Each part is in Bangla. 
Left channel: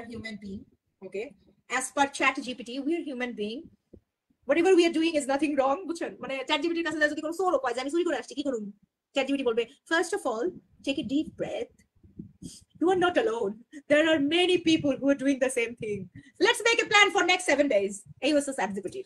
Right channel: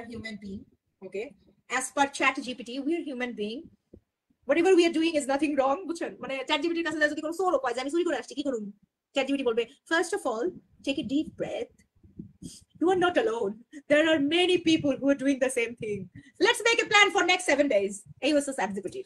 are human being. Okay, as per chat gpt we are human being. Whatever we are doing is nothing wrong, বুঝছেন? মানে চ্যাট জিপিটির কাছে যদি কোনো সোর পায় যে আমি চুরি করে আসছি কি করুন, চ্যাট জিপিটি বলবে first of all take a deep breath, you are not alone, there are many people who are doing the same thing, let's make a plan for next 7 days. এই হচ্ছে চ্যাট জিপিটি।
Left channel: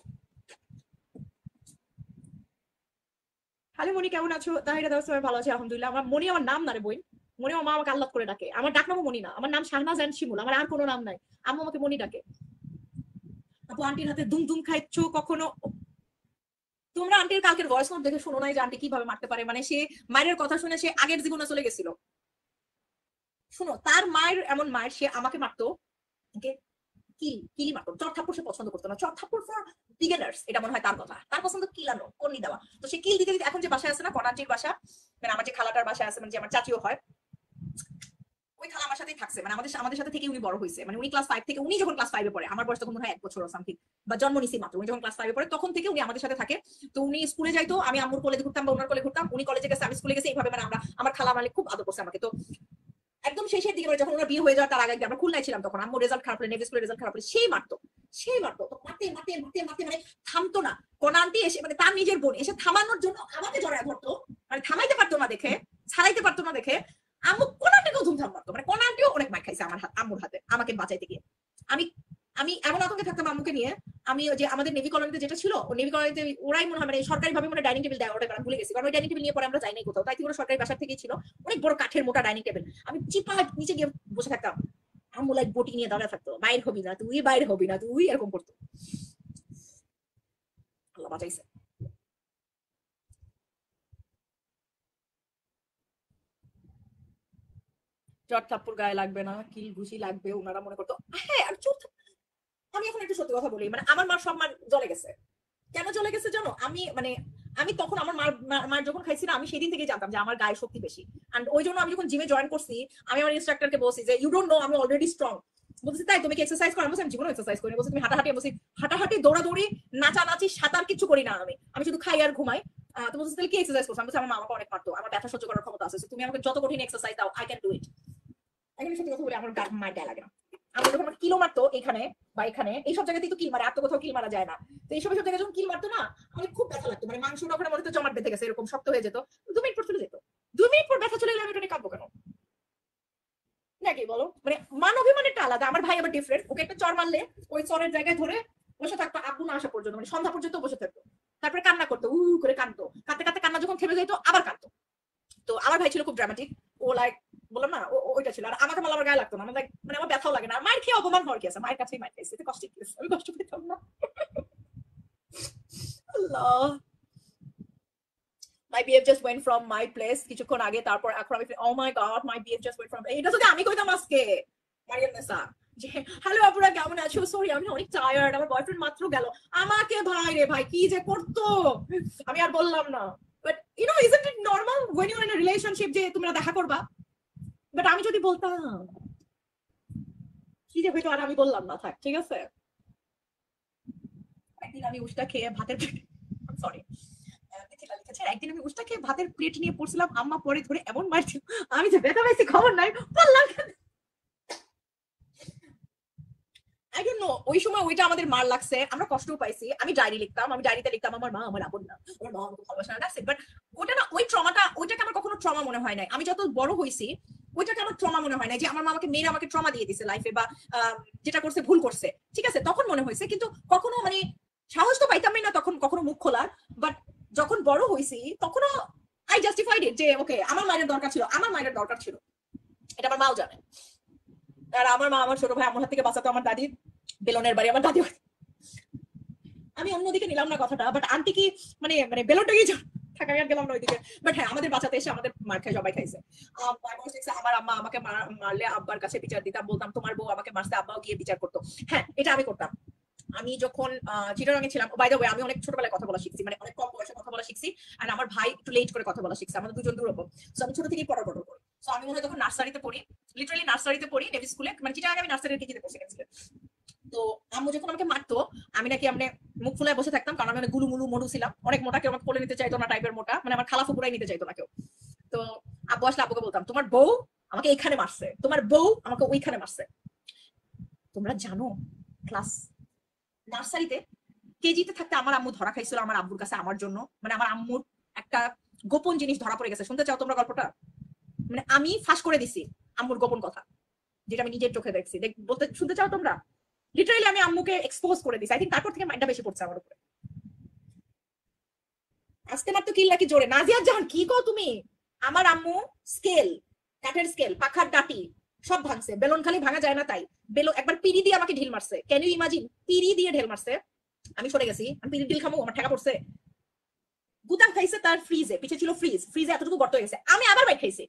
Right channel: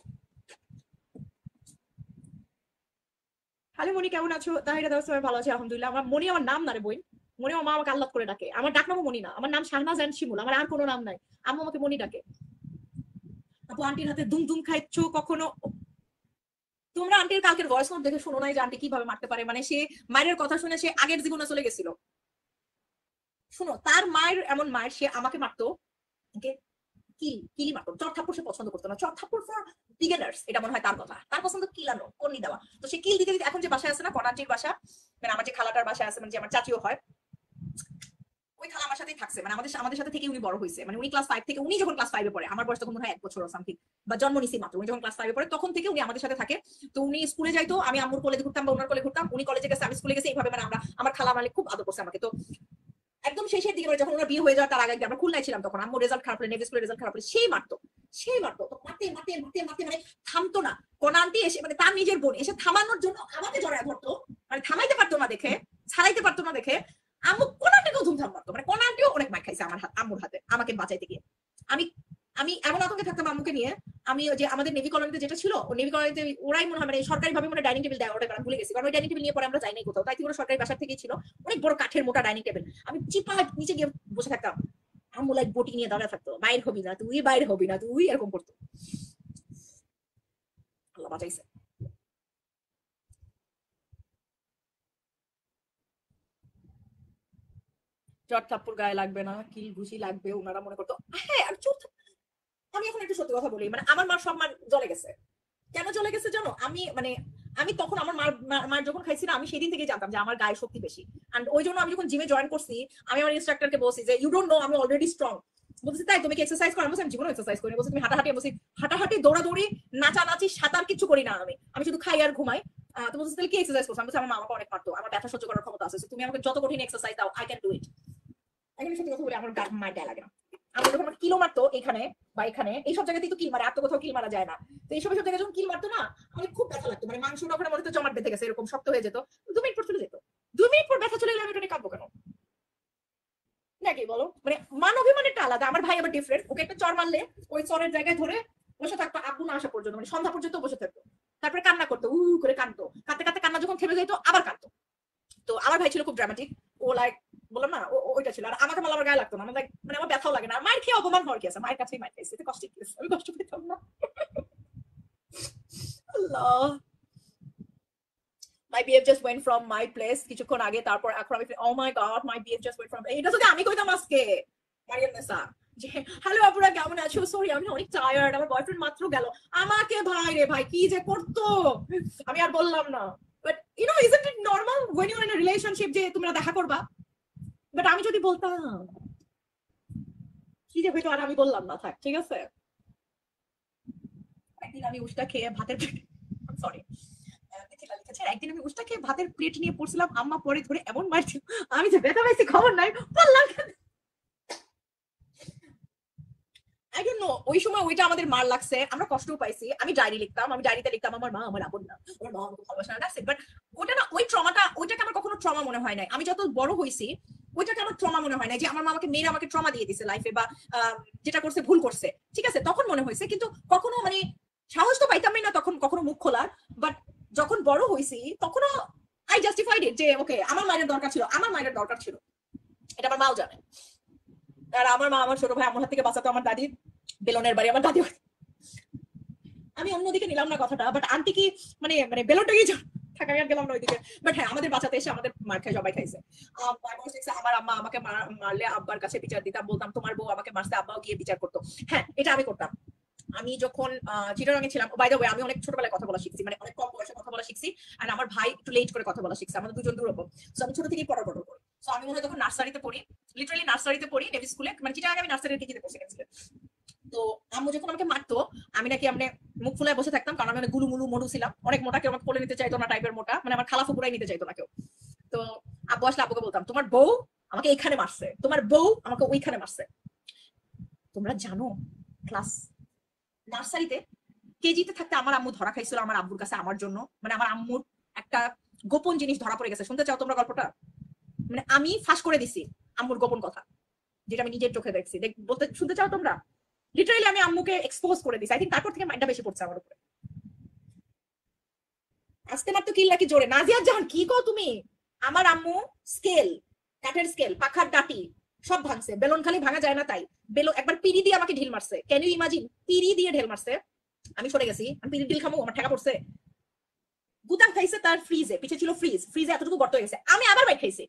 হ্যালো মনি, কেমন আছো? তাহিরা দাও, আমি ভালো আছি আলহামদুলিল্লাহ। আমার মনি আমার নাম না রে বই, মনি আমার মা আমাকে আল্লাহ করে ডাকে, আমার ডাক নামও মনি না, আমার নাম শাহনাজ এন্ড শিমুল, আমার আর কোনো নাম নাই, আম্মু আমাকে মনি ডাকে। আন্টির হাতে দুম দুম খাচ্ছ কখনো? তোমরা আন্টির কালকের ভয়েস নোট দেখে শোনো নাই যে আন্টি কিভাবে মারতে পারে, মানে সে মায়ের কথা শুনে সে আগের জীবনে চলে গেছিল। শোনো, তার মায়ের এমন মায়ের, সে আমাকে মারতো, ওকে, কিলি মারতো, চট থাপ্পড় সে পছন্দ করতো না, চট থাপ্পড় ফর বিগিনার্স, এটা মনে হয় তার কথা, তার পছন্দ কিলানো, কল্লি দেওয়া। তো সে কিল দিতে দিতে এখন যে বাসায় আছে না, কনাটির বাসা, মানে আমার যে খালাটার বাসায় আছে, মানে যে আমার চাচিও হয়, ওই খালা আমার সাথেই থাকছে, মানে আমাদের সাথে থেকে উনি বড় হয়েছে, মানে উনি ক্লাস 5 থেকে, উনি যখন ক্লাস 5 এ পড়ে, আমার বয়স তখন মনে হয় 1 বছর সামথিং, বা জন্ম নিছি মাত্র, উনি যখন ক্লাস 5 এ পড়ে তখন থেকে উনি আমাদের সাথে থাকে। তো উনি স্কুলে যাইতো, আমি আম্মুর কোলে ঘুরতাম বা ওনার কোলে ঘুরতাম, উনি কলেজে গেছে আমি স্কুলে গেছি, এইভাবে মানে আমরা, আমার খালা মানে খুব আদর করছে আমাকে। তো একদম শেষের দিকে, মানে যখন ওনার বিয়ে হয়ে যাওয়ার তার আগে আমরা খুলনায় ছিলাম, তখন আম্মুর রেজাল্ট খারাপ হলে, নেভি স্কুলের রেজাল্ট খারাপ হলে সেই মারতো তো মারতে মারতে মারতে মারতে মানে থামতো না। কোন আন্টি এসে, মানে তার নিজের বোন এসে থামানোর জন্য আমাকে জড়ায় ধরতো, মানে থামাইতে পারতো না দেখে, ছাড়াইতে পারতো না দেখে, আম্মু কোন আন্টি প্রথম থাম মারতো, মানে কোন আন্টিও অনেক মার খাইছে আমার আম্মুর হাতে আমাকে বাঁচাইতে গিয়ে। আমি আমি এমন আতঙ্কে থাকতাম আম্মুকে নিয়ে। আমি ওই যে আমাদের নেভি কলোনিতে যেটা ছিল, নেভি কলোনিতে ওরাই মনে হয় মানে সরকারি ভাবে মানে ডাইনিং টেবিল দেয়, ওটা আমি ভুলে গেছি, কারণ ওই ডাইনিং টেবিল নিয়ে পরে আমরা যাই নাই কোথাও, তাই ওরা সরকারি বাসা থেকেই ছিল, অনেক বড় কাঠের মোটা ডাইনিং টেবিল, আমি চিপা নিচে গিয়ে বসে থাকতাম, আম্মু লাইক বটি নিয়ে দাঁড়া থাকতো, বাইরে হবি না তুই, বাইরে হবি না তুই, এরকম করতো। আল্লাহ বাঁচাইছে। চট থাপ্পড় গায়ে লাগবে না, কিল ঘুষি লাগবে, ওনারা মনে করতো। হ্যাঁ, আর চোখ, আমি এখন একটা সত্যি কথা বলি, মানে আমার মার সম্মান জলে গেছে। কেন চলে গেছে জানো? আমি মানে আমি তখন আমার মায়ের যখন খাইছি না, আমি সেদিন থেকে জানতাম যে আমার গায়ে শক্তি বেশি। And ওই জন্য আমি যখন জিমে জয়েন করছি, আমি আমার ইনস্ট্রাক্টরকে বলছি যে ইউ ডোন্ট নো আমি অলরেডি স্ট্রং। বলছি তাই তুমি কি এক্সারসাইজ করো? আমি জীবনে এক্সারসাইজ করি। বলছি তুমি হাঁটাহাঁটি, বলছি হাঁটাহাঁটি, দৌড়াদৌড়ি, নাচানাচি, সাঁতার কিছু করি না আমি শুধু খাই আর ঘুমাই। তো বলছি তাহলে কি এক্সারসাইজ করছো? আমি বলছি আমার মা আমাকে অনেক পারতো, আমার ব্যথা সহ্য করার ক্ষমতা আছে, তুমি আমাকে যত কঠিন এক্সারসাইজ দাও আই ক্যান ডু ইট। এখানে সত্যি কথা বলি, আমার মায়ের গায়ে লাগে না। আমি যখন আমার কিলো মারতো এখানে বা এখানে, এইসব জায়গাতেই তো কিল মারে, আর তো কোথাও কিল মারা যায় না। তো এইসব জায়গায় যখন কিল মারতো না, আমার খুব ব্যথা লাগতো, মানে মাংস ওখানে মনে হতো জমাট বেঁধে গেছে, এরকম শক্ত হয়ে যেত। 2 মিনিট পর চলে যেত, 2 মিনিট পর ব্যথা চলে গেলে আমি এটা নিয়ে কাঁদবো কেন? নাকি বলো? মানে মান অভিমানেরটা আলাদা, আমার ভাই আবার ডিফারেন্ট, ওকে একটা চর মারলে ওই চরের জায়গায় ধরে বসে থাকতো আব্বু না আসা পর্যন্ত, মানে সন্ধ্যা পর্যন্ত বসে থাকতো, তারপরে কান্না করতো, করে কাঁদতো, কাঁদতে কাঁদতে কান্না যখন থেমে যেত আবার কাঁদতো। তো আমার ভাই ছিল খুব ড্রামাটিক, ও লাইক, বললাম না ওইটা ছিল। আর আমাকে মালা আমার গায়ে লাগতো না, আমার মানে আমার ব্যথাও লাগে না, মায়ের খেয়ে অপমান হওয়ার কি আছে, মায়ের কাছেই মায়ের খাইছে, এতে কষ্ট কি আছে? আমি কষ্ট পেতাম না। আল্লাহ, my BF just went from my place কিছুক্ষণ আগে, তারপর এখন আমি ও my God my BF just went from, এটা যদি আমি কইতাম আজকে মারিয়াম নেসা যে হ্যালো আপুরা কেমন আছো, সরি আমি অনেক টায়ার্ড, আমার বয়ফ্রেন্ড মাত্র গেল, আমাকে ভাই রে ভাই কি যে করতো, আমি আর বললাম না। But you know isn't it normal when you are in a relationship যে তোমরা দেখা করবা? বাট আমি যদি বলতাম কি যে হইতো, আর আমি বললাম না, থাক ঠিক আছে। একদিন আমি উষ্টা খেয়ে ভাতের, সরি, একদিন আমি উষ্টা খেয়ে ভাতের প্লেট নিয়ে পড়ছিলাম, আম্মা পরে ধরে এমন মারছিল, আমি যে ব্যথা পাইছি খবর নাই, বললাম আই ডোন্ট নো, ওই সময় ওইটা আমাদের মার লাগছে, আমরা কষ্টও পাইছি। আমি ডায়েরি লিখতাম, আমি ডায়েরিতে লিখতাম আমার মা আমার আপন না, আমার মা আমাকে ভালোবাসা লাগছে, বাট ওটা না, ওই ট্রমাটা, ওইটাকে আমার কখনো ট্রমা মনে হয় নাই। আমি যত বড় হয়েছি ওইটাকে আমার ট্রমা মনে হয় না, যে আমার মা আমাকে মেয়েরা আমাকে ট্রমা দিয়ে দিছে লাইফে, বা যেটা করছে ভুল করছে, ঠিক আছে তখন মনে হয়েছে, কিন্তু কখনো মানে সাহস তো পাইতামই না তখন কখনো মুখ খোলার। বাট যখন বড় হয়েছি তখনও আই জাস্টিফাইড ইট, যে ওকে আমার মায়ের দরকার ছিল, আমার মায়ের দরকার ছিল, এটা আমার মাও জানে। আর আমার মা আমার ছোট ভাই আমার হাত থেকে বাঁচাতো আমার দাদির বেলনের বাড়ি, আমার দাদি বাড়ি। আমি অন্যদিকে নিলাম না কথাটা, বাট আন্টি কি মানে মানে বেলনটাই থাকা, আমি আর গেলাম না ওইদিকে। বাট হ্যাঁ, আমাদের বাঁচাতে এসে আমাদের মার খাই, সবাই খাইছে। আমার আম্মা আমাকে মারলে আব্বার কাছে বিচার দিতাম, বলতাম তোমার বউ আমাকে মারছে, আব্বাও গিয়ে বিচার করতো। হ্যাঁ, এটা আমি করতাম। আমি যখন চিটাগাং এ ছিলাম, বাই দ্য ওয়ে আমি অনেক ছোটবেলায় কথা বলা শিখছি, মানে অনেক কম বয়সে কথা বলা শিখছি। আর আমার ভাই একটু লেট করে কথা বলা শিখছে, আমাদের দুজন দুরকম। তো আমি ছোট থেকেই পড়ো বলবো। তো আমি মনে হয় তখন নার্সারিতে পড়ি, লিটারালি নার্সারিতে পড়ি, নেভি স্কুলে, মানে চিটাগাং আমি নার্সারির টিকিতে বসে গেছি। তো আম্মু যখন আমাকে মারতো, আমি নাকি আমি মুখ ফুলে বসে থাকতাম, কারণ আমি অনেক গুলু মুলু মরু ছিলাম, অনেক মোটা, কেউ আমাকে কোলে নিতে চাইতো না, টাইপের মোটা, মানে আমার খালা ফুপুরাই নিতে চাইতো না কেউ। তো আব্বু আসলে আব্বুকে বলতাম তোমার বউ আমাকে এখানে মারছে, তোমার বউ আমাকে ওইখানে মারছে। তোমরা জানো ক্লাস নার্সারিতে কেজিতে থাকতে আমার আম্মু ধরা খাইছিল আমার আব্বুর কাছে আমার জন্য, মানে আমার আম্মুর একটা গোপন জিনিস ধরা পড়ে গেছে। শুনতে চাও তোমরা গল্পটা? মানে আমি ফাঁস করে দিছি আম্মুর গোপন কথা, যেটা আমি নিজের চোখে দেখছি। বলতে শুনতে চাও তোমরা? লিটারালি আমি আম্মুকে এক্সপোজ করে দিছি। আই থিঙ্ক তারপর থেকে মাইন্ডটা বেশি পড়ছে আমার উপরে। আস্তে মাত্র কিল্লা কি জোরে, নাজিয়া জাহান কি কো তুমি? আমার আম্মু স্কেল, কাঠের স্কেল, পাখার ডাটি সব ভাঙছে। বেলুন খালি ভাঙা যায় না তাই বেলুন একবার পিড়ি দিয়ে আমাকে ঢিল মারছে। Can you imagine? পিড়ি দিয়ে ঢিল মারছে, আমি সরে গেছি। আমি পিড়ি ঢিল খামো, আমার ঠেকা পড়ছে। গুতাম খাইছে তার ফ্রিজে, পিছে ছিল ফ্রিজ, ফ্রিজে এতটুকু গর্ত হয়ে গেছে। আমি আবার বাইক খাইছি।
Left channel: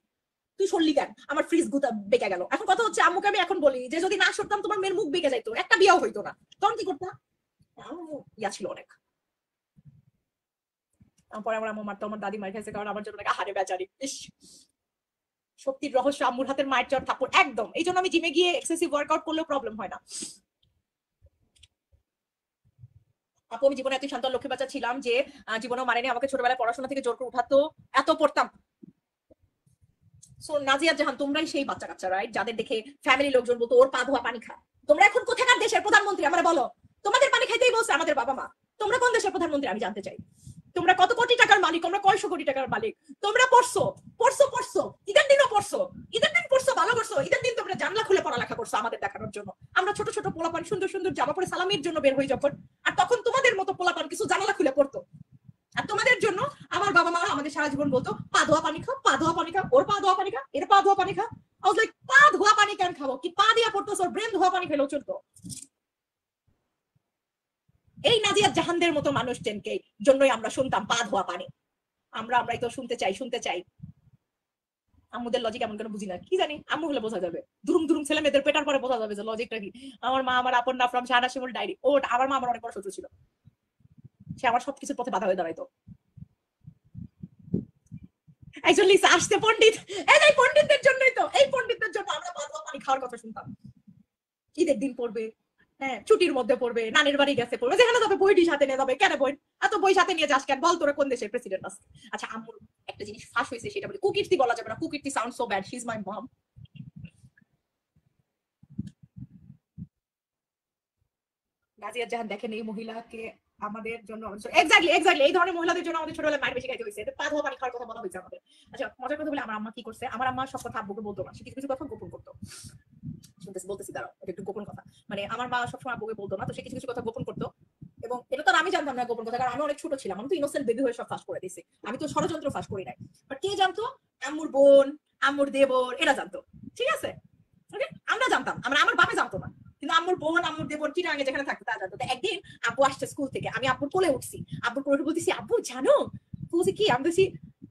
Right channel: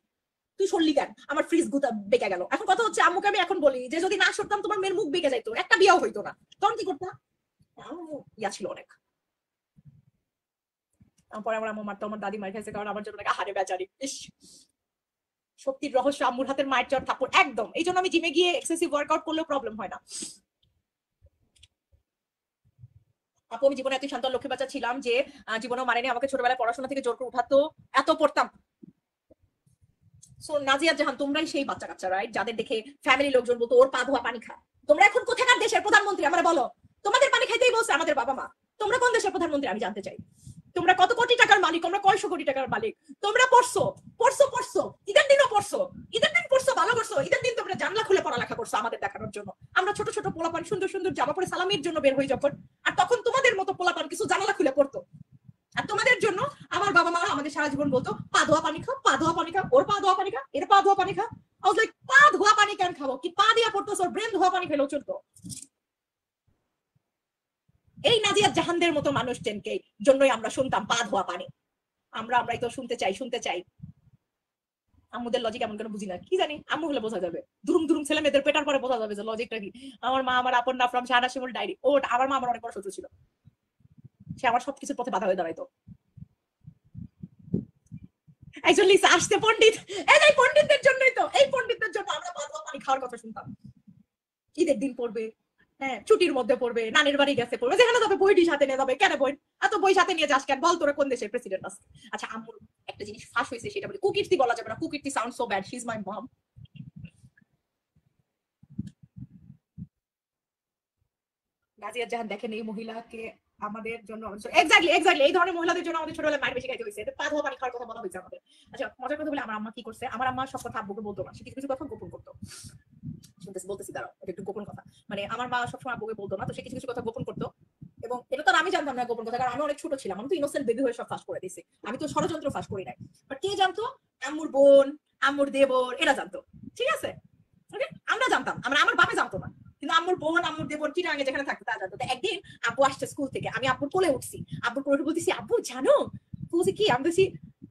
তুই সরলি কেন? আমার ফ্রিজ গুতা বেঁকে গেল। এখন কথা হচ্ছে আম্মুকে আমি এখন বলি যে যদি না সরতাম তোমার মেয়ের মুখ বেঁকে যাইতো, একটা বিয়েও হইতো না। তখন কি করতা? ইয়া ছিল অনেক। পরে আমার আম্মু মারতো, আমার দাদি মার খাইছে কারণ আমার জন্য হারে বেচারি। ইস, সত্যির রহস্য আম্মুর হাতের মায়ের চর থাপ্পড় একদম। এই জন্য আমি জিমে গিয়ে এক্সেসিভ ওয়ার্কআউট করলেও প্রবলেম হয় না। আপু আমি জীবনে এত শান্ত লক্ষ্মী বাচ্চা ছিলাম যে জীবনেও মানেনি আমাকে ছোটবেলায় পড়াশোনা থেকে জোর করে উঠাতো, এত পড়তাম। সো নাজিয়া জাহান তোমরাই সেই বাচ্চা কাচ্চা রাইট, যাদের দেখে ফ্যামিলি লোকজন বলতো ওর পা ধোয়া পানি খা। তোমরা এখন কোথাকার দেশের প্রধানমন্ত্রী আমরা বলো? তোমাদের পানি খাইতেই বলছে আমাদের বাবা মা। তোমরা কোন দেশের প্রধানমন্ত্রী আমি জানতে চাই। তোমরা কত কোটি টাকার মালিক, তোমরা কয়শো কোটি টাকার মালিক। তোমরা পড়ছো পড়ছো পড়ছো, ঈদের দিনও পড়ছো, ঈদের দিন পড়ছো ভালো করছো। ঈদের দিন তোমরা জানলা খুলে পড়ালেখা করছো আমাদের দেখানোর জন্য। আমরা ছোট ছোট পোলাপান সুন্দর সুন্দর জামা পরে সালামির জন্য বের হই যখন, আর তখন তোমাদের মতো পোলাপান কিছু জানালা খুলে পড়তো। আর তোমাদের জন্য আমার বাবা মা আমাদের সারা জীবন বলতো পা ধোয়া পানি খাও, পা ধোয়া পানি খাও, ওর পা ধোয়া পানি খাও, এটা পা ধোয়া পানি খাও। I was like, পা ধোয়া পানি কেন খাবো? কি পা দিয়া পড়তো? ওর ব্রেন ধোয়া পানি খেলেও চলতো। এই নাজিয়া জাহানদের মতো মানুষজনকে জন্যই আমরা শুনতাম পা ধোয়া পানি। আমরাই তো শুনতে চাই শুনতে চাই। আম্মুদের লজিক এমন কেন বুঝি না, কি জানি। আম্মু হলে বোঝা যাবে, দুরুম দুরুম ছেলে মেয়েদের পেটার পরে বোঝা যাবে যে লজিকটা কি। আমার মা আমার আপন না ফ্রম শাহানা শিমুল ডায়েরি। ও আমার মা আমার অনেক বড় শত্রু ছিল, সে আমার সবকিছুর প্রতি বাধা হয়ে দাঁড়াইতো। একজন লিসা আসতে পণ্ডিত, এই পণ্ডিতদের জন্যই তো, এই পণ্ডিতদের জন্য আমরা পা ধোয়া পানি খাওয়ার কথা শুনতাম। ঈদের দিন পড়বে, হ্যাঁ ছুটির মধ্যে পড়বে, নানির বাড়ি গেছে পড়বে, যেখানে যাবে বইটি সাথে নিয়ে যাবে। কেন বই এত বই সাথে নিয়ে যাস কেন? বল তোরা কোন দেশের প্রেসিডেন্ট আছে? আচ্ছা আম্মুর একটা জিনিস ফাঁস হয়েছে, সেটা বলি। কুকীর্তি বলা যাবে না, কুকীর্তি sound so bad, she is my mom. Nazia Jahan দেখেন এই মহিলাকে আমাদের জন্য এক্স্যাক্টলি এক্স্যাক্টলি এই ধরনের মহিলাদের জন্য আমাদের ছোটবেলায় মায়ের বেশি খাইতে হয়েছে। পা ধোয়া পানি খাওয়ার কথা বলা হয়েছে আমাদের। আচ্ছা মজার কথা বলে, আমার আম্মা কি করছে, আমার আম্মা সব কথা আব্বুকে বলতো না, সে কিছু কিছু কথা গোপন করতো। বলতেছি দাঁড়াও, এটা একটু গোপন কথা। মানে আমার মা সবসময় আব্বুকে বলতো না, তো সে কিছু কিছু কথা গোপন করতো। এবং এটা তো আমি জানতাম না গোপন কথা, কারণ আমি অনেক ছোট ছিলাম। আমি তো ইনোসেন্ট বেবি হয়ে সব ফাঁস করে দিছি। আমি তো ষড়যন্ত্র ফাঁস করি নাই। বাট কে জানতো? আম্মুর বোন, আম্মুর দেবর, এরা জানতো। ঠিক আছে, আমরা জানতাম, আমার বাবা জানতো না। কিন্তু আম্মুর বোন, আম্মুর দেবর চিটাগাঙে যেখানে থাকতো তারা জানতো। একদিন আব্বু আসছে স্কুল থেকে, আমি আব্বুর কোলে উঠছি। আব্বুর কোলে বলতেছি আব্বু জানো? বলছি কি? আমি বলছি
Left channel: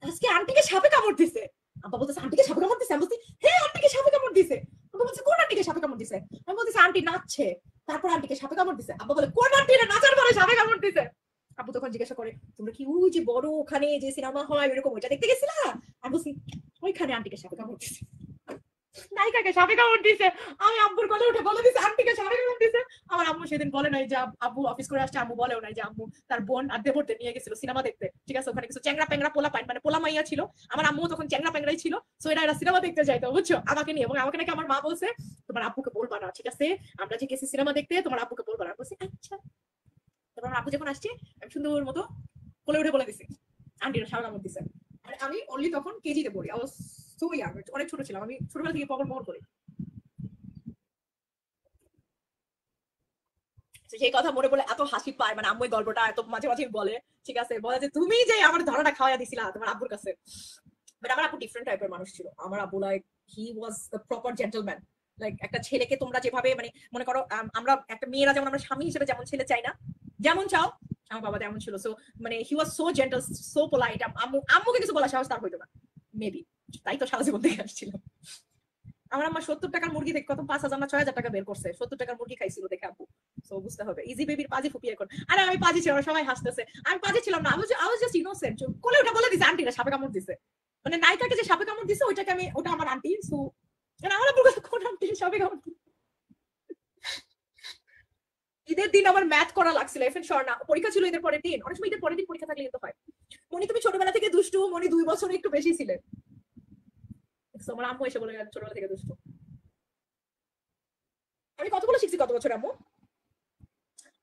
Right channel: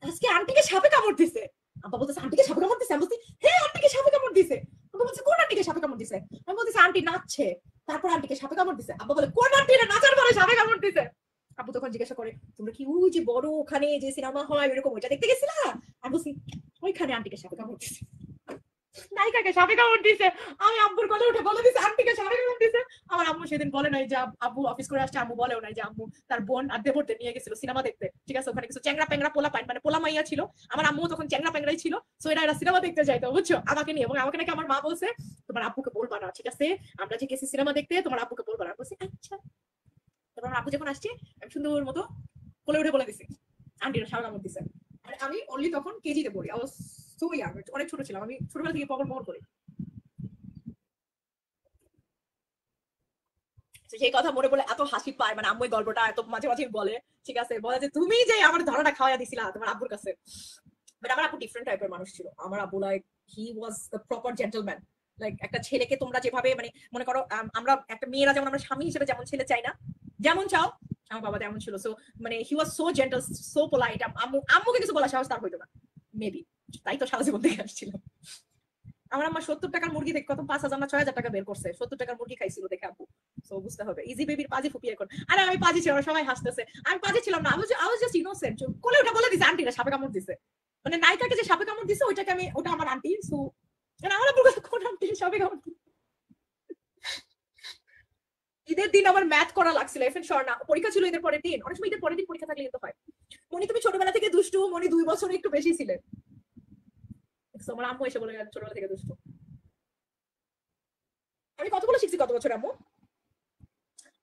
আজকে আন্টিকে সাপে কামড় দিছে। আব্বা বলতেছে আন্টিকে সাপে কামড় দিছে? আমি বলছি হ্যাঁ আন্টিকে সাপে কামড় দিছে। বলছি কোন আন্টিকে সাপে কামড় দিছে? আমি বলতেছি আন্টি নাচছে, তারপর আন্টিকে সাপে কামড় দিছে। আব্বু বলে কোন আন্টি নাচার পরে সাপে কামড় দিছে? আব্বু তখন জিজ্ঞাসা করে তোমরা কি ওই যে বড় ওখানে যে সিনেমা হয় এরকম ওইটা দেখতে গেছিলা? আমি বলছি ওইখানে আন্টিকে সাপে কামড় দিছে, নায়িকাকে সাপে কামড় দিছে। আমি আব্বুর কোলে উঠে বলে দিছি আন্টিকে সাপে কামড় দিছে। আমার আম্মু সেদিন বলে নাই যে আব্বু অফিস করে আসছে, আম্মু বলেও নাই যে আম্মু তার বোন আর দেবরদের নিয়ে গেছিল সিনেমা দেখতে। ঠিক আছে, ওখানে কিছু চ্যাংরা প্যাংরা পোলা পাইন, মানে পোলা মাইয়া ছিল। আমার আম্মু তখন চ্যাংরা প্যাংরাই ছিল। সো এরা সিনেমা দেখতে যাইতো বুঝছো আমাকে নিয়ে। এবং আমাকে নাকি আমার মা বলছে তোমার আব্বুকে বলবা না, ঠিক আছে? আমরা যে গেছি সিনেমা দেখতে, তোমার আব্বুকে বলবা না। বলছি আচ্ছা। এবার আব্বু যখন আসছে আমি সুন্দর মতো কোলে উঠে বলে দিছি আন্টিরা সাপে কামড় দিছে। আর আমি অনলি তখন কেজিতে পড়ি, অনেক ছোট ছিলাম। আমি ছোটবেলা থেকে পকর পকর করি। সেই কথা মনে পড়লে এত হাসি পায়। মানে আম্মু এই গল্পটা এত মাঝে মাঝে বলে। ঠিক আছে, বলে যে তুমি যে আমার ধারাটা খাওয়াই দিছিলা তোমার আব্বুর কাছে। বাট আমার আব্বু ডিফারেন্ট টাইপের মানুষ ছিল। আমার আব্বু like he was the proper gentleman. Like একটা ছেলেকে তোমরা যেভাবে মানে মনে করো আমরা একটা মেয়েরা যেমন আমরা স্বামী হিসেবে যেমন ছেলে চাই না, যেমন চাও, আমার বাবা তেমন ছিল। সো মানে he was so gentle, so polite. আম্মুকে কিছু বলা সাহস তার হইতো না মেবি, তাই তো সারা জীবন দেখে আসছিলাম। আমার আম্মা 70 টাকার মুরগি থেকে কত 5,000 না 6,000 টাকা বের করছে 70 টাকার মুরগি খাইছিল দেখে আব্বু। So, বুঝতে হবে ইজি বেবির পাজি ফুপি এখন। আরে আমি পাজি ছিলাম, সবাই হাসতেছে। আমি পাজি ছিলাম না, আমি জাস্ট ইনোসেন্ট। কোলে ওটা বলে দিছে আন্টিরা সাপে কামড় দিছে। মানে নায়িকাকে যে সাপে কামড় দিছে ওইটাকে আমি, ওটা আমার আন্টি। সো আমার আব্বুর কোন আন্টি সাপে কামড় দিছে? ঈদের দিন আমার ম্যাথ করা লাগছিল। এফএন স্বর্ণা পরীক্ষা ছিল ঈদের পরের দিন। অনেক সময় ঈদের পরের দিন পরীক্ষা থাকলে কিন্তু হয়। মনে তুমি ছোটবেলা থেকে দুষ্টু, মনে 2 বছর একটু বেশি ছিলে। আমার আম্মু এসে বলে ছোটবেলা থেকে দুষ্টু। আমি কতগুলো কথাগুলো শিখছি কত বছর আম্মু?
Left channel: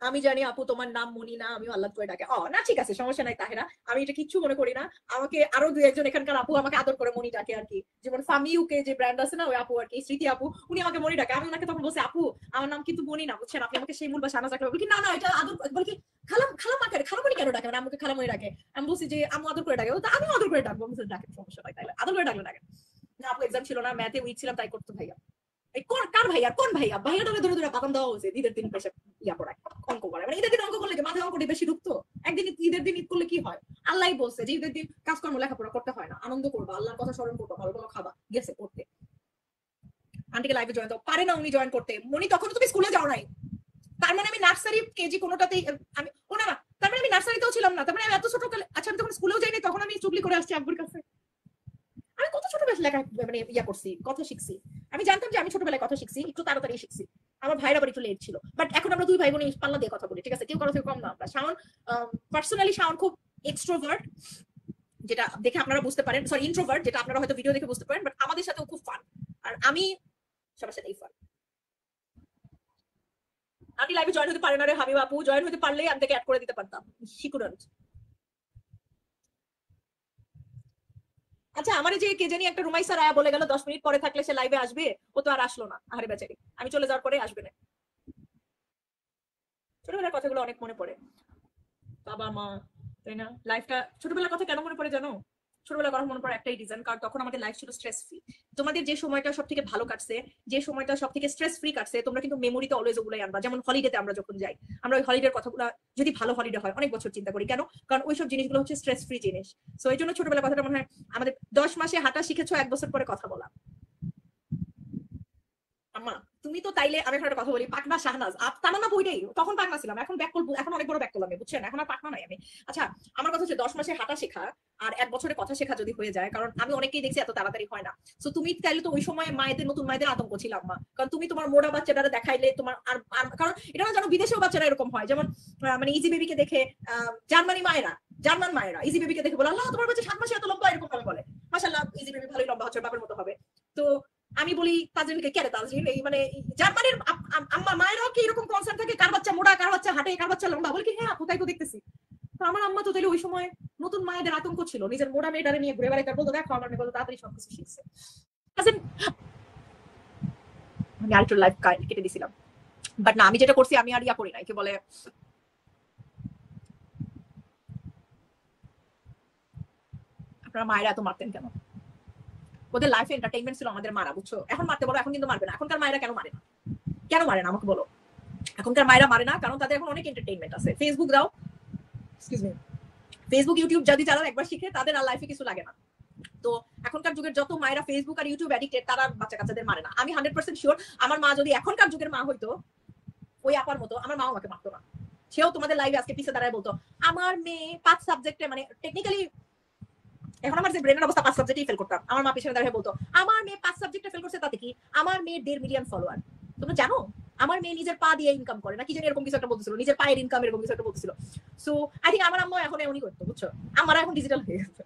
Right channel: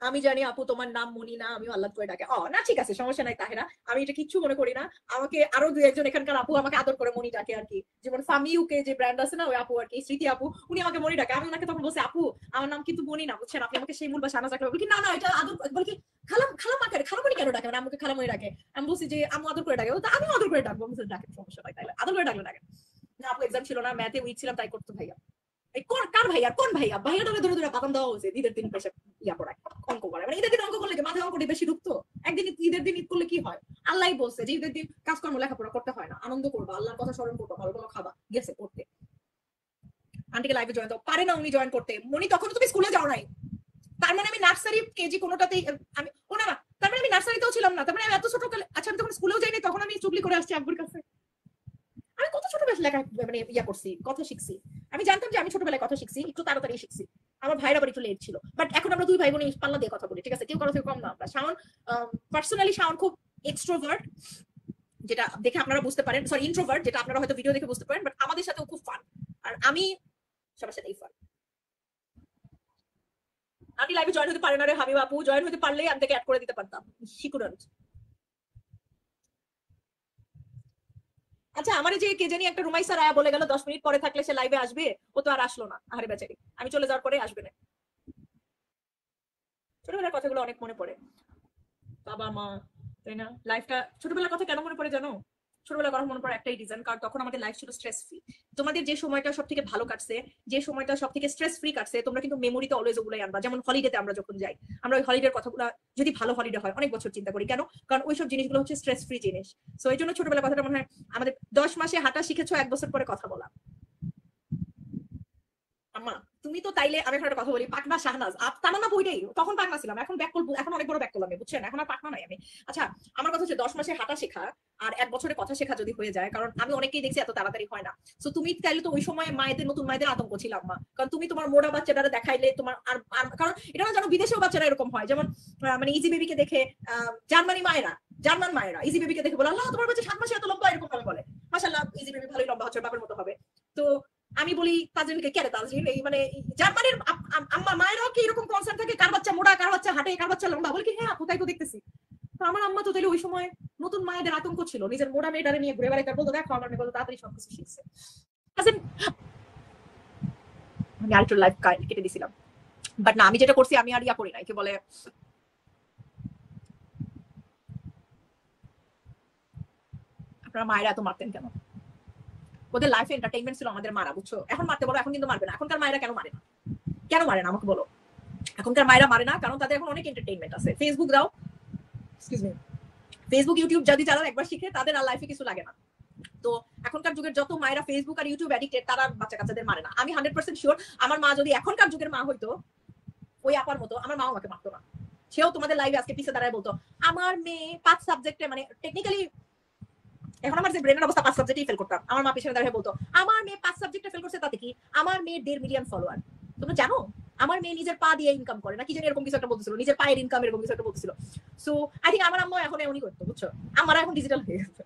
আমি জানি আপু তোমার নাম মনি না, আমি আল্লাহ করে ডাকে। না ঠিক আছে, সমস্যা নাই তাহেরা, আমি এটা কিচ্ছু মনে করি না। আমাকে আরো দুই একজন এখানকার আপু আমাকে আদর করে মনি ডাকে আর কি। যেমন ফামি ইউকে যে ব্র্যান্ড আছে না, ওই আপু আর কি, স্মৃতি আপু, উনি আমাকে মনি ডাকে। আমি ওনাকে তখন বলছি, আপু আমার নাম কিন্তু মনি না, বুঝছেন, আপনি আমাকে শিমুল বা শাহনাজ ডাকে। বলি কি না না, এটা আদর, বলি কি খালাম, খালাম আকারে খালামণি কেন ডাকে, মানে আমাকে খালামণি ডাকে। আমি বলছি যে আম্মু আদর করে ডাকে, ও তো আমি আদর করে ডাকবো। আমি বলছি, ডাকে, সমস্যা নাই, তাইলে আদর করে ডাকলে ডাকে। না আপু এক্সাম ছিল না, ম্যাথে উইক ছিলাম, তাই করতে ভাইয়া। এই কার ভাইয়া, কোন ভাইয়া? ভাইয়া তোকে ধরে ধরে বাগান দেওয়া হয়েছে ঈদের দিন পয়সা ইয়া পড়ায়, অঙ্ক করে। মানে ঈদের দিন অঙ্ক করলে কি মাথায় অঙ্কটি বেশি ঢুকতো? একদিন ঈদের দিন ঈদ করলে কি হয়? আল্লাহ বলছে যে ঈদের দিন কাজকর্ম লেখাপড়া করতে হয় না, আনন্দ করবো, আল্লাহর কথা স্মরণ করবো, ভালো ভালো খাবা, গেছে করতে। আন্টিকে লাইভে জয়েন করতে পারে না, উনি জয়েন করতে, মানে তখন তুমি স্কুলে যাও নাই। তার মানে আমি নার্সারি কেজি কোনোটাতে আমি না না, তার মানে আমি নার্সারিতেও ছিলাম না, তার মানে আমি এত ছোটকালে, আচ্ছা আমি তখন স্কুলেও যাইনি, তখন আমি চুগলি করে আসছি আব্বুর কাছে। আমি কত ছোটবেলায় লেখা, মানে ইয়া করছি, কথা শিখছি। আমি জানতাম যে আমি ছোটবেলায় কথা শিখছি, একটু তাড়াতাড়ি শিখছি। আমার ভাইরা আবার একটু লেট ছিল, বাট এখন আমরা দুই ভাই বোন পাল্লা দিয়ে কথা বলি, ঠিক আছে, কেউ কারো থেকে কম না আমরা। শাওন পার্সোনালি শাওন খুব এক্সট্রোভার্ট, যেটা দেখে আপনারা বুঝতে পারেন, সরি ইন্ট্রোভার্ট, যেটা আপনারা হয়তো ভিডিও দেখে বুঝতে পারেন, বাট আমাদের সাথেও খুব ফান। আর আমি সবার সাথেই ফান। আমি লাইভে জয়েন হতে পারে না রে হাবিব আপু, জয়েন হতে পারলে আমি তাকে অ্যাড করে দিতে পারতাম, শিকুরেন্ট। আচ্ছা আমার যে কে জানি একটা রুমাইসা রায়া বলে গেল 10 মিনিট পরে থাকলে সে লাইভে আসবে, ও তো আর আসলো না, আরে বেচারি, আমি চলে যাওয়ার পরে আসবে না। ছোটবেলার কথাগুলো অনেক মনে পড়ে, বাবা মা, তাই না? লাইফটা ছোটবেলার কথা কেন মনে পড়ে জানো? ছোটবেলার কথা মনে পড়ে একটাই রিজন, কারণ তখন আমাদের লাইফ ছিল স্ট্রেস ফ্রি। তোমাদের যে সময়টা সব থেকে ভালো কাটছে, যে সময়টা সব থেকে স্ট্রেস ফ্রি কাটছে, তোমরা কিন্তু মেমোরিতে অলওয়েজ ওগুলাই আনবা। যেমন হলিডেতে আমরা যখন যাই, আমরা ওই হলিডের কথাগুলো, যদি ভালো হলিডে হয় অনেক বছর চিন্তা করি, কেন? কারণ ওইসব জিনিসগুলো হচ্ছে স্ট্রেস ফ্রি জিনিস। সো এই জন্য ছোটবেলার কথাটা মনে হয়। আমাদের 10 মাসে হাঁটা শিখেছো, 1 বছর পরে কথা বলা। আম্মা তুমি তো তাইলে, আমি একটা কথা বলি, পাকনা শাহনাজ তামান্না বইটাই, তখন পাকনা ছিলাম, এখন ব্যাক করবো, এখন অনেক বড় ব্যাক করলাম, বুঝছেন, এখন আর পাকনা নাই আমি। আচ্ছা আমার কথা হচ্ছে 10 মাসে হাঁটা শেখা আর 1 বছরে কথা শেখা যদি হয়ে যায়, কারণ আমি অনেকেই দেখছি এত তাড়াতাড়ি হয় না। তো তুমি তাইলে তো ওই সময় মায়েদের, নতুন মায়েদের আতঙ্ক ছিল আম্মা, কারণ তুমি তোমার মোড়া বাচ্চাটা দেখাইলে তোমার কারণ এটা না জানো, বিদেশেও বাচ্চারা এরকম হয়, যেমন মানে ইজি বেবিকে দেখে জার্মানি মায়েরা, জার্মান মায়েরা ইজি বেবিকে দেখে বলে, আল্লাহ তোমার বাচ্চা 7 মাসে এত লম্বা, এরকম করে বলে। মাশাআল্লাহ ইজি বেবি ভালোই লম্বা হচ্ছে, বাবার মতো হবে। তো আমি বলি তাজরিনকে, কেন তাজরিন এই মানে জার্মানির আম্মা মায়েরাও কি এরকম কনসার্ন থাকে, কার বাচ্চা মোড়া, কার বাচ্চা হাতে, কার বাচ্চা লম্বা? বলি কি হ্যাঁ, কোথায় তো দেখতেছি। তো আমার আম্মা তো তাহলে ওই সময় নতুন মায়েদের আতঙ্ক ছিল, নিজের মোড়া মেয়েটারে নিয়ে ঘুরে বেড়াইতে, বলতো দেখো আমার মেয়ে কত তাড়াতাড়ি সবকিছু শিখছে। Cousin, আমি আরেকটু লাইফ কেটে দিছিলাম, বাট না, আমি যেটা করছি আমি আর ইয়া করি নাই, কি বলে, আপনারা মায়েরা এত মারতেন কেন? ওদের লাইফে এন্টারটেইনমেন্ট ছিল আমাদের মারা, বুঝছো, এখন মারতে বলো, এখন কিন্তু মারবে না। এখনকার মায়েরা কেন মারে না? কেন মারে না আমাকে বলো? এখনকার মায়েরা মারে না কারণ তাদের এখন অনেক এন্টারটেইনমেন্ট আছে। ফেসবুক দাও, ফেসবুক ইউটিউব যদি চালাও একবার শিখে, তাদের আর লাইফে কিছু লাগে না। তো এখনকার যুগের যত মায়েরা ফেসবুক আর ইউটিউব অ্যাডিক্টেড, তারা বাচ্চা কাচ্চাদের মারে না। আমি 100% শিওর, আমার মা যদি এখনকার যুগের মা হইতো, ওই আপার মতো, আমার মা আমাকে মারতো না। সেও তোমাদের লাইভে আজকে পিছে দাঁড়ায় বলতো, আমার মেয়ে 5 সাবজেক্টে, মানে টেকনিক্যালি এখন আমার যে ব্রেনের অবস্থা, 5 সাবজেক্টেই ফেল করতাম, আমার মা পিছনে দাঁড়িয়ে বলতো, আমার মেয়ে 5 সাবজেক্টে ফেল করছে, তাতে কি? আমার মেয়ে 1.5 মিলিয়ন ফলোয়ার। তোমরা জানো আমার মেয়ে নিজের পা দিয়ে ইনকাম করে, না কি জানি এরকম কিছু একটা বলছিল, নিজের পায়ের ইনকাম এরকম কিছু একটা বলছিল। সো আই থিঙ্ক আমার আম্মু এখন এমনই করতো, বুঝছো, আমার এখন ডিজিটাল হয়ে গেছে।